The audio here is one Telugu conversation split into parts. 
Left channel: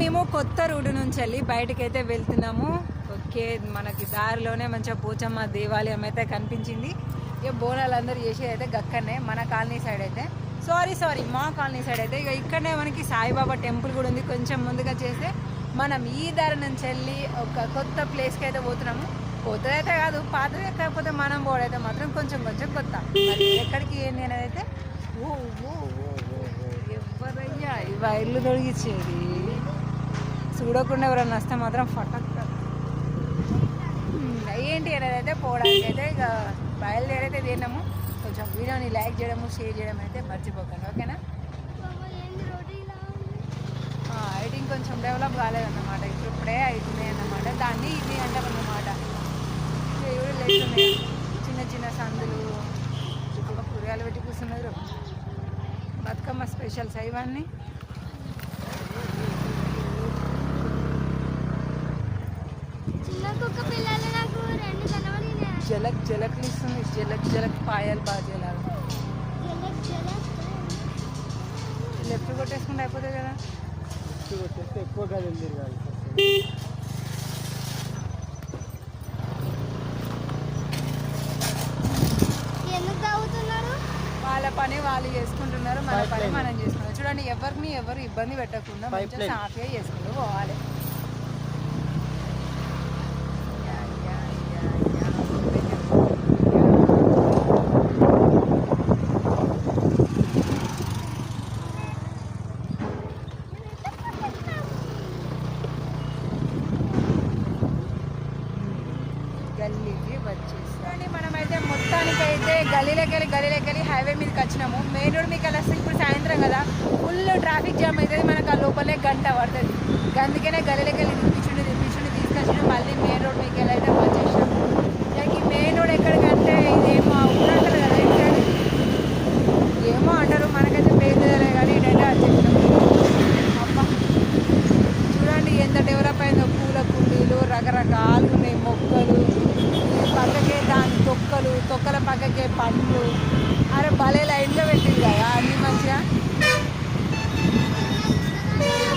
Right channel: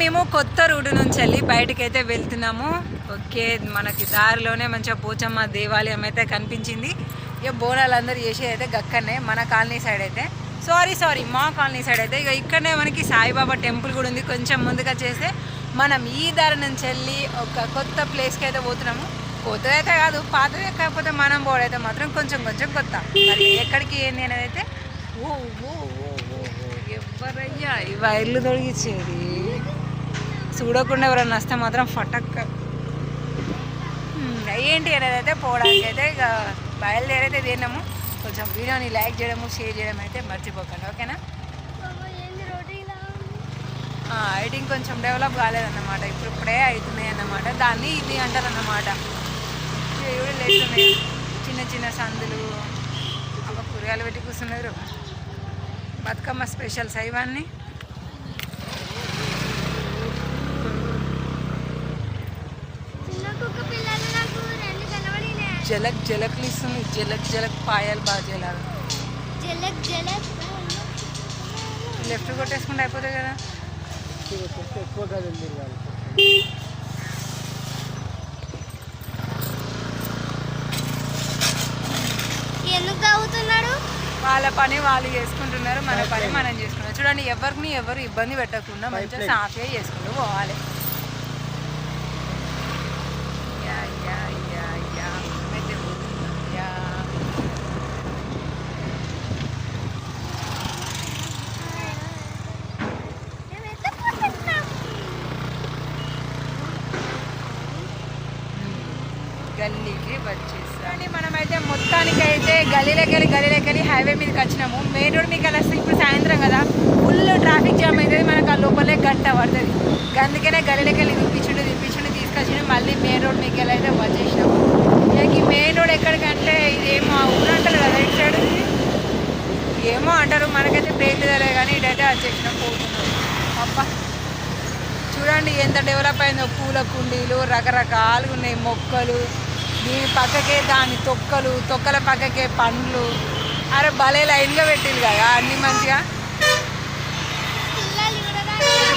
మేము కొత్త రూట్ నుంచి వెళ్ళి బయటకైతే వెళ్తున్నాము. ఓకే, మనకి దారిలోనే మంచిగా పోచమ్మ దేవాలయం అయితే కనిపించింది. ఇక బోనాలు అందరూ చేసేది అయితే గక్కనే మన కాలనీ సైడ్ అయితే సారీ మా కాలనీ సైడ్ అయితే ఇక ఇక్కడనే మనకి సాయిబాబా టెంపుల్ కూడా ఉంది. కొంచెం ముందుగా చేస్తే మనం ఈ దారి నుంచి వెళ్ళి ఒక కొత్త ప్లేస్కి అయితే పోతున్నాము. కొత్తది అయితే కాదు, పాతదే, కాకపోతే మనం పోవడైతే మాత్రం కొంచెం కొత్త. మరి ఎక్కడికి ఏంది అనేది అయితే ఓ ఓ ఓ ఓ ఎవరయ్యా ఈ వైర్లు తొలగించేది చూడకుండా ఎవరైనా వస్తే మాత్రం ఫటక్ ఏంటి అనేది అయితే పోవడానికి అయితే ఇక బయలుదేరైతే తిన్నాము. కొంచెం వీడియోని లైక్ చేయడము షేర్ చేయడం అయితే మర్చిపోకండి, ఓకేనా. ఎడిటింగ్ కొంచెం డెవలప్ కాలేదన్నమాట, ఇప్పుడే అవుతున్నాయి అన్నమాట. దాన్ని ఇది అంటారన్నమాట. లేస్తున్నాయి చిన్న సందులు, ఒక కూరగాయలు పెట్టి కూర్చున్నారు. బతుకమ్మ స్పెషల్స్ ఇవన్నీ. జలక్లు ఇస్తుంది, జలక్ పాయాలు బాగా చేయాలి. లెఫ్ట్ కొట్టేసుకుంటే అయిపోతాయి కదా. వాళ్ళ పని వాళ్ళు చేసుకుంటున్నారు, మన పని మనం చేసుకుంటాం. చూడండి, ఎవరు ఇబ్బంది పెట్టకుండా మంచిగా సాఫీగా చేసుకుంటూ పోవాలి. గల్లీకి వచ్చేసాం. మనమైతే మొత్తానికి అయితే గల్లీలోకి హైవే మీదకి వచ్చినాము. మెయిన్ రోడ్ మీకు వస్తే ఇప్పుడు సాయంత్రం కదా, ఫుల్ ట్రాఫిక్ జామ్ అవుతుంది. మనకు ఆ లోపలే గంట పడుతుంది. అందుకనే గల్లీలోకి తిప్పించుండి తీసుకొచ్చిండు. మళ్ళీ మెయిన్ రోడ్ మీకు అయితే వచ్చేసినాము. ఇక ఈ మెయిన్ రోడ్ ఎక్కడికంటే ఇదేమో ఊరు అంటారు కదా, ఇటు సైడ్ ఏమో అంటారు, మనకైతే పేరు తెలియదు కానీ ఇటైతే వచ్చేసినాము. అబ్బా చూడండి ఎంత డెవలప్ అయిందో. పూల కుండీలు రకరకాలుగా ఉన్నాయి, మొక్కలు. దీని పక్కకే దాని తొక్కల పక్కకే పండ్లు. అరే భలే లైన్గా పెట్టింది కదా అన్నీ మంచిగా.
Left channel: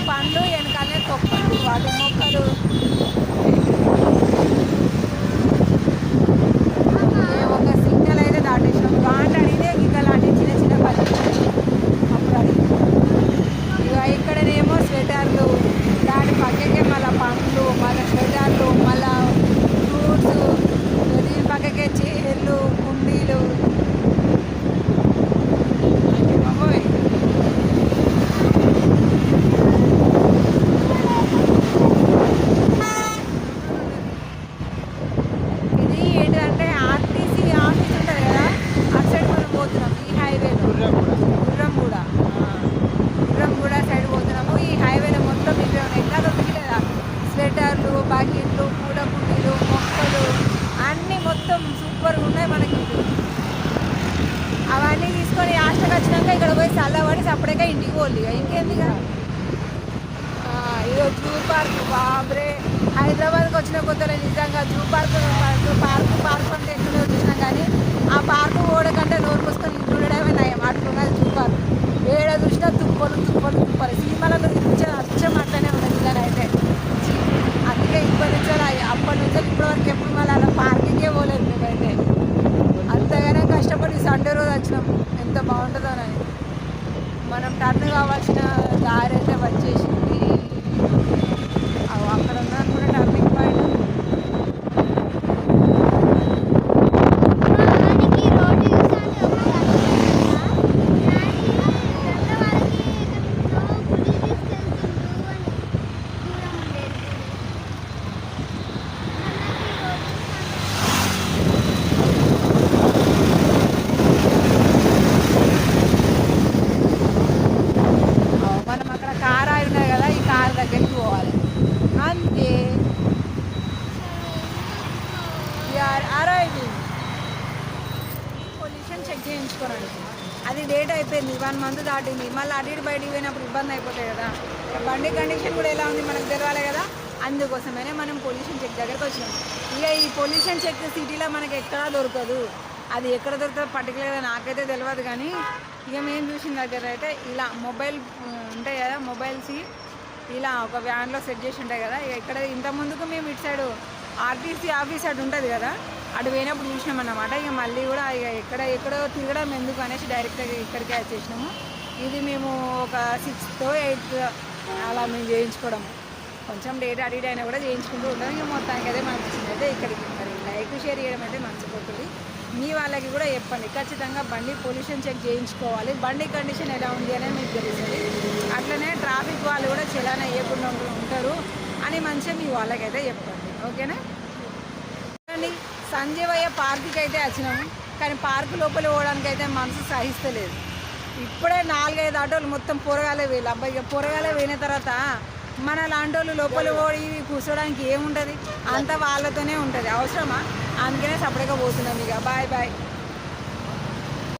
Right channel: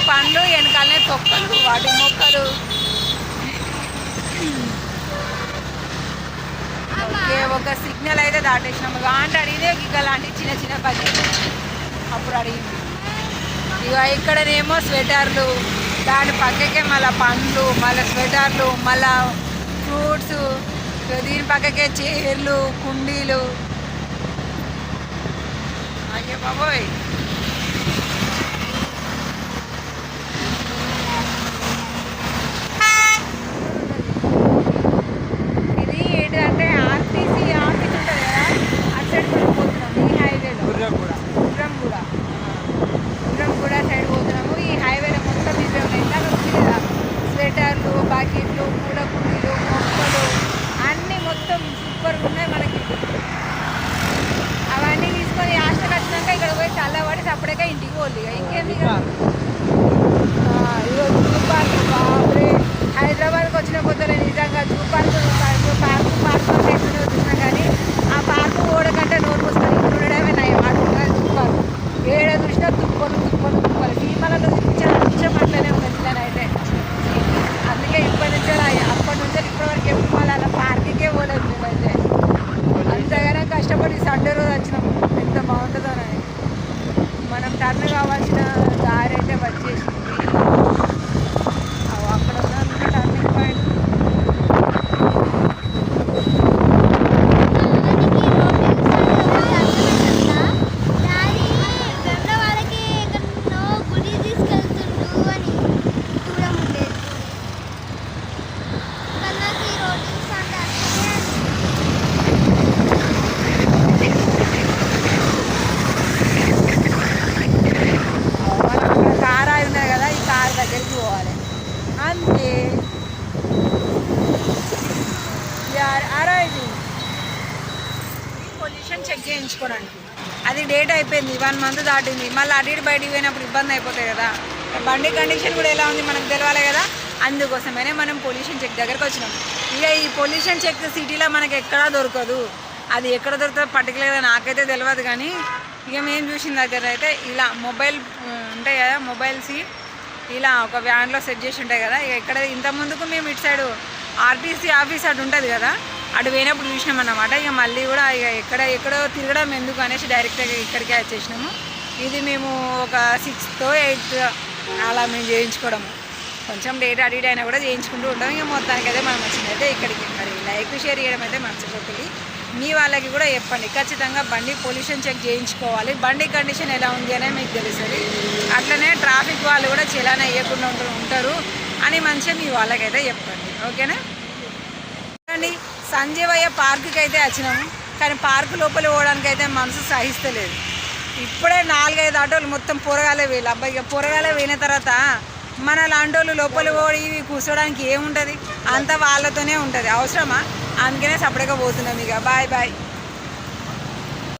పండ్లు వెనకాలనే తొక్కలు, వాటి మొక్కలు. ఓకే, ఒక సిగ్నల్ అయితే దాటేసినాము. అంటే అడిగితే ఇక లాంటి చిన్న బడ్జెట్ అప్పుడు అడిగింది. ఇక ఇక్కడనేమో స్వెటర్లు, దాని పక్కకే మళ్ళీ పండ్లు, మళ్ళీ స్వెటర్లు, మళ్ళీ ఫ్రూట్స్. దీని పక్కకే చైర్లు, కుండీలు. అయ్యో బాబోయ్, ఇది ఏంటంటే ఆర్టీసీ ఆఫీస్ ఉంటుంది కదా, అటు సైడ్ మనం పోతున్నాం. ఈ హైవేలో గుర్రంగూడ సైడ్ పోతున్నాము. ఈ హైవేలో మొత్తం ఇవే ఉన్నాయి. ఇందాక చూసేదా స్వెటర్లు, బకెట్లు, పూల కుండీలు, మొక్కలు అన్నీ మొత్తం సూపర్గా ఉన్నాయి. మనకి అవన్నీ తీసుకొని హాస్టల్ వచ్చినాక ఇక్కడ పోయి చల్లబడి అప్పుడే ఇంటికి పోలి. ఇంకేంది ఈరోజు జూ పార్క్. బాబ్రే, హైదరాబాద్కి వచ్చిన కొత్తలో నిజంగా జూ పార్క్ అంటే ఎట్లనే చూసినాం కానీ ఆ పార్కు ఓడకంటే నోరు పుస్తకం ఇప్పుడు ఉండడమే నయం. అటు జూ పార్క్ ఏడ చూసినా తుప్పలు. సీమలలో అచ్చం అట్లనే ఉన్నది ఇలానైతే. అందుకే అప్పటి నుంచి ఇప్పటి వరకు ఎప్పుడు మళ్ళీ అలా పార్కింగే పోలేదు మేమైతే. అంతగానే కష్టపడి సండే రోజు వచ్చినాము. ఎంత బాగుంటుందోనని. మనం టర్న్ కావాల్సిన దారి అయితే వచ్చేసింది. అక్కడ ఉన్న టర్నింగ్ పాయింట్. దగ్గరికి పోవాలి అంతే. పొల్యూషన్ చెక్ చేయించుకోవడానికి అది డేట్ అయిపోయింది, 1 మంత్ దాటింది. మళ్ళీ అటు బయటికి పోయినప్పుడు ఇబ్బంది అయిపోతాయి కదా. బండి కండిషన్ కూడా ఎలా ఉంది మనకు తెలవాలి కదా. అందుకోసమనే మనం పొల్యూషన్ చెక్ దగ్గరకు వచ్చినాం. ఇక ఈ పొల్యూషన్ చెక్ సిటీలో మనకి ఎక్కడా దొరకదు. అది ఎక్కడ దొరుకుతుందో పర్టికులర్గా నాకైతే తెలియదు కానీ ఇక మేము చూసిన దగ్గర అయితే ఇలా మొబైల్ ఉంటాయి కదా, మొబైల్స్ ఇలా ఒక వ్యాన్లో సెట్ చేసి ఉంటాయి కదా. ఇక ఇక్కడ ఇంత ముందుకు మేము ఇటు సైడు ఆర్టీసీ ఆఫీస్ అటు ఉంటుంది కదా, అటు పోయినప్పుడు చూసినాం అన్నమాట. ఇక మళ్ళీ కూడా ఇక ఎక్కడో తిరగడం ఎందుకు అనేసి డైరెక్ట్గా ఇక్కడికే వచ్చేసినాము. ఇది మేము ఒక 6th or 8th అలా మేము చేయించుకోవడం, కొంచెం డేట్ అటు ఇటు అయినా కూడా చేయించుకుంటూ ఉంటాం. ఇక మొత్తానికి అయితే మనం వచ్చిందైతే ఇక్కడికి. మరి లైక్ షేర్ చేయడం అయితే మర్చిపోతుంది. మీ వాళ్ళకి కూడా చెప్పండి, ఖచ్చితంగా బండి పొల్యూషన్ చెక్ చేయించుకోవాలి. బండి కండిషన్ ఎలా ఉంది అనేది మీకు తెలుస్తుంది. అట్లనే ట్రాఫిక్ వాళ్ళు కూడా చలానా వేయకుండా ఉంటారు అని మంచిగా మీ వాళ్ళకైతే చెప్పండి. ఓకేనా అండి. సంజీవయ్య పార్కుకి అయితే వచ్చినాము, కానీ పార్కు లోపల పోవడానికి అయితే మనసు సహిస్తలేదు. ఇప్పుడే 4-5 ఆటోలు మొత్తం పొరగాలే వేయాలి. అబ్బాయి ఇక పొరగాలే పోయిన తర్వాత మన లాంటి వాళ్ళు లోపల పోయి కూర్చోడానికి ఏముంటుంది, అంతా వాళ్ళతోనే ఉంటుంది. అవసరమా? అందుకనే సపరేట్గా పోతున్నాం. ఇక బాయ్ బాయ్.